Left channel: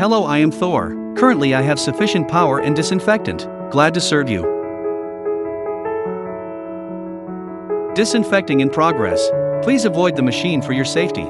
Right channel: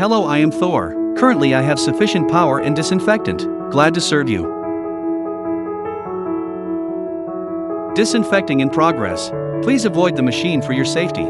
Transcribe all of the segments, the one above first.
Hello, I am Thor. Currently I have sufficient power and disinfectant. Glad to serve you. Disinfecting in progress. Please avoid the machine for your safety.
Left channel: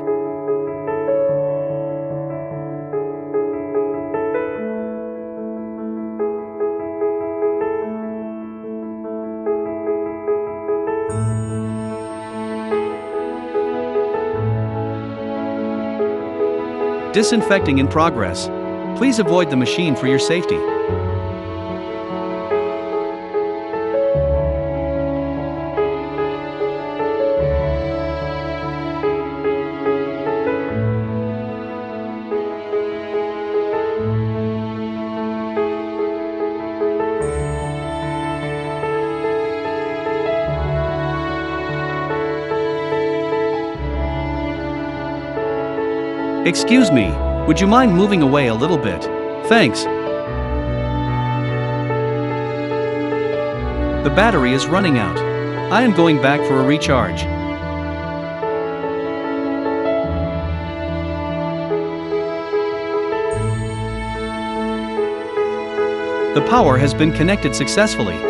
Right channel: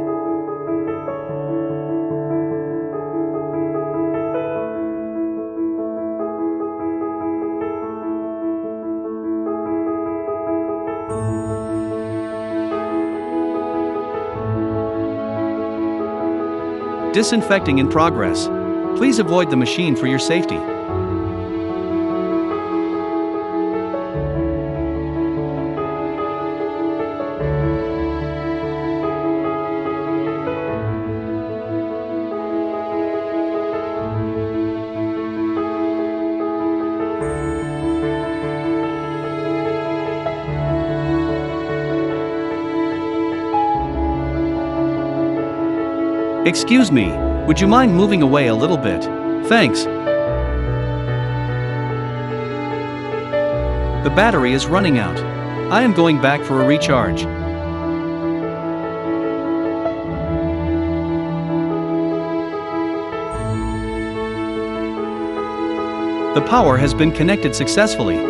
Disinfecting in progress. Please avoid the machine for your safety. Excuse me, would you mind moving away a little bit? Thanks. The battery is running out. I am going back for a recharge. The power has been connected successfully.